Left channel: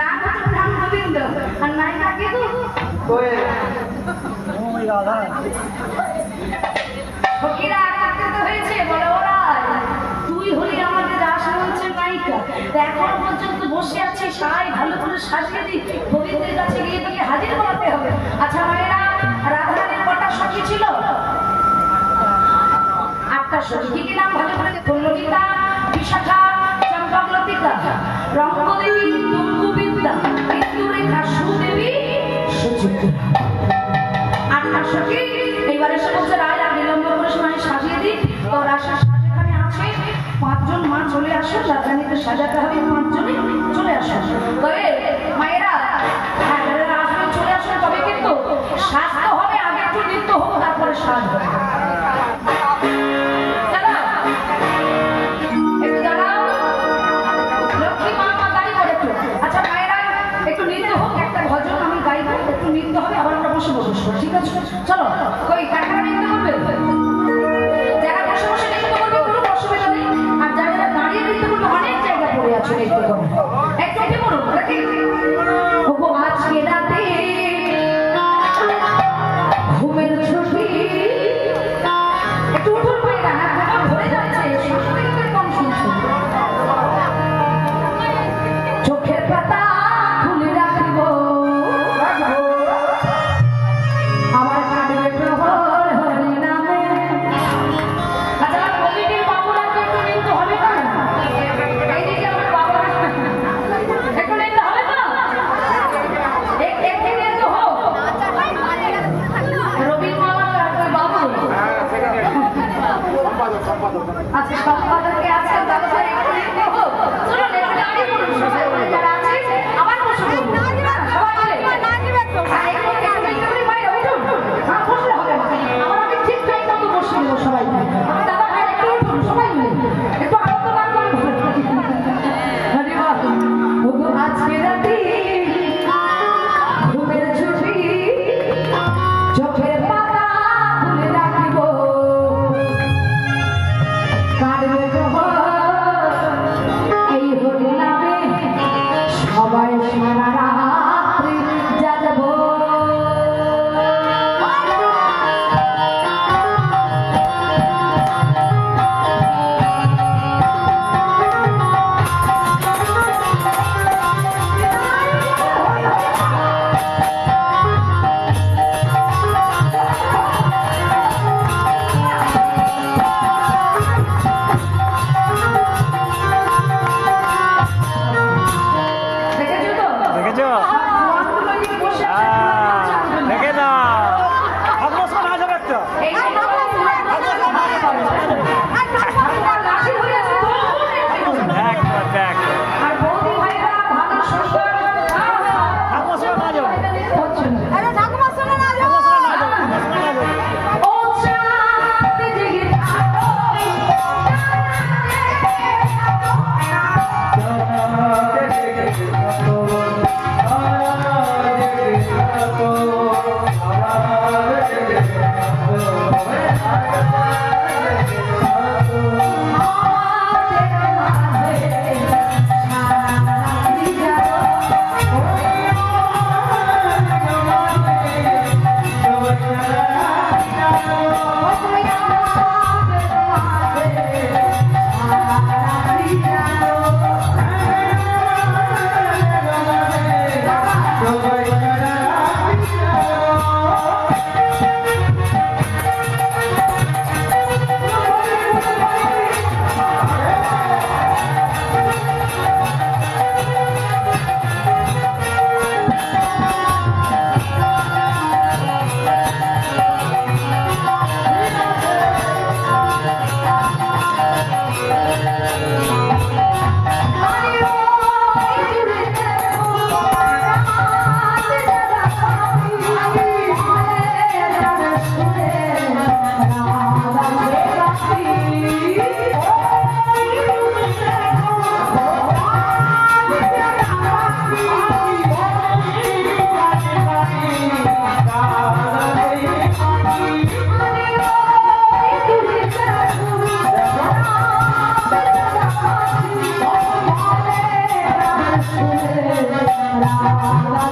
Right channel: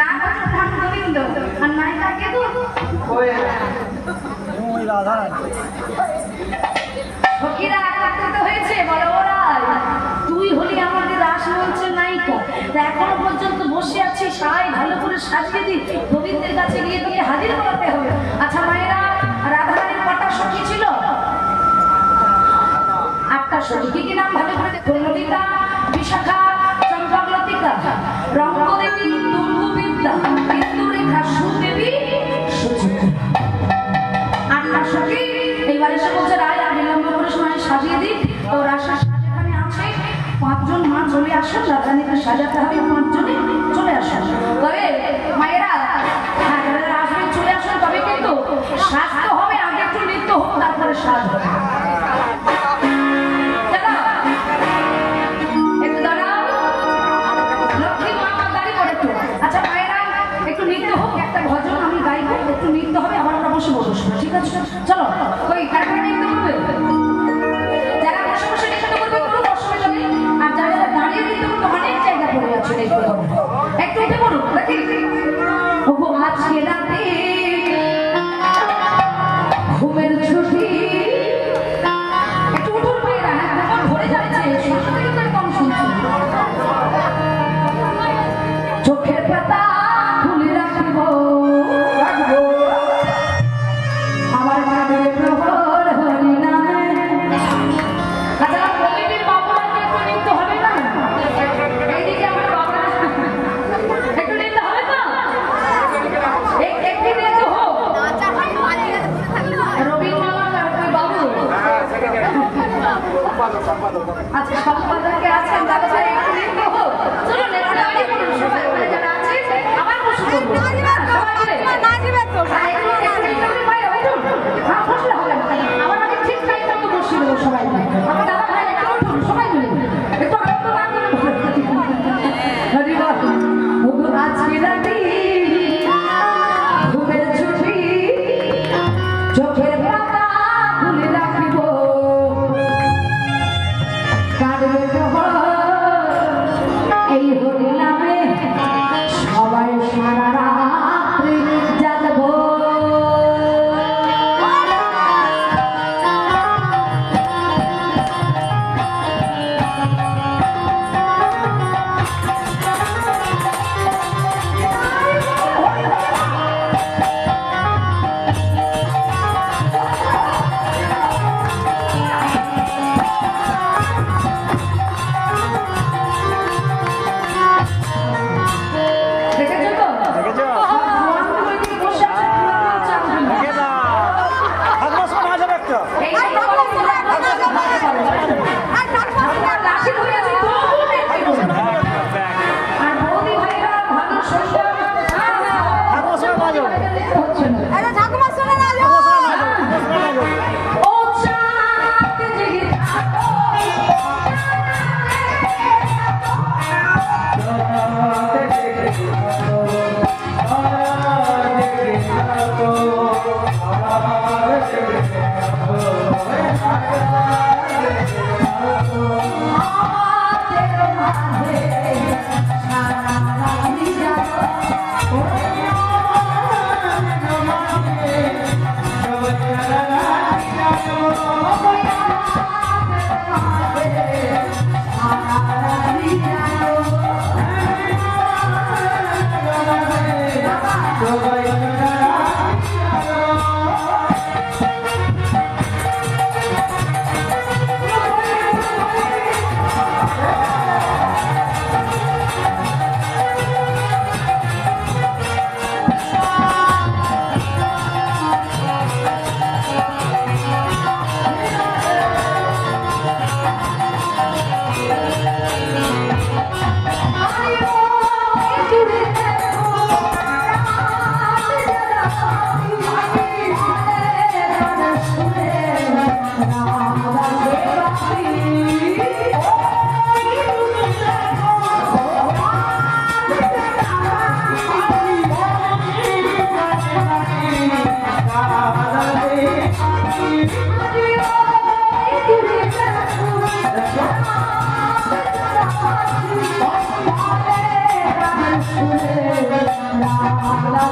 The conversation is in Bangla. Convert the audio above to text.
না নাম গোবিন্দ আর নায়িকা কে তো ওই রাধা ফকিরা একত্রিত হয়েছে বড় ওরাই তুই হলি আমাদের রাসমঞ্চের নায়িকা এখন পর্যন্ত বসে আছিস সবাই ভালো করে সাজিয়ে দি গোবিন্দের কাছে গিয়ে দিয়ে হাজির করাতে হবে আচ্ছা মায়েরা রাধারানীর কটা সখী ছিল 8টা সখী কি কি নাম ভালো করে পল্লবিতা বিশাখা চম্পকলতিকা রঙ্গদেবী তুঙ্গবিদ্যা ইন্দুরেখা সুদেবী সুচিত্রা 8টা সখী এইবারে সে বলছে রায় আর বিলম্ব করে সময় সাজিয়ে দিই তো রাশার সাজাখানে আছে 5 জন মা চলে আসেন রাধারানীকে সাজাতে হবে 5 জনে চলে আসেন তবে মায়েরা হ্যাঁ রাধারানী চলে আসেন তবে কিন্তু সাজতে হবে আগে একটু নৃত্য হোক তারপরে সাজ হবে ঠিক আছে চলো কই কাটা নিতে হবে যারা বসে বসে নিতে করবে কোনো অসুবিধা নেই আর যারা দাঁড়িয়ে নিতে করবে অনেক জায়গা পড়ে আছে নিতে করবে একটু নিতে করো নাকি ওগো আজকে রাতে ঘুমের ছুটি একটু উঠুন পায়রা না ঘুম ধরে যাচ্ছে কম শুনছি চোখের পাতা খুলে রাখবো আচ্ছা সম্পাদকে আছেন তাহলে একটু লিখতে হোক চলো একটু দাঁড়িয়ে পড়ুন সবাই যারা আছে আবার বসে পড়ুন সবাই মিলে একটু লিখতে হবে বাইরে উঠুন হ্যাঁ বসলে হবে আমার আগে ঠিক টাইম মতো বসে নেবো সবাই আমার দাদা ভাই একটু উঠুন সবাই মিলে একটু আনন্দ না করুন আজকে রাতে ঘুমের ছুটি চোখের পাতা খুলে রাখিব এই হরি নামে সবাই সারা রাত্রি জাগবো Thank you. Oh,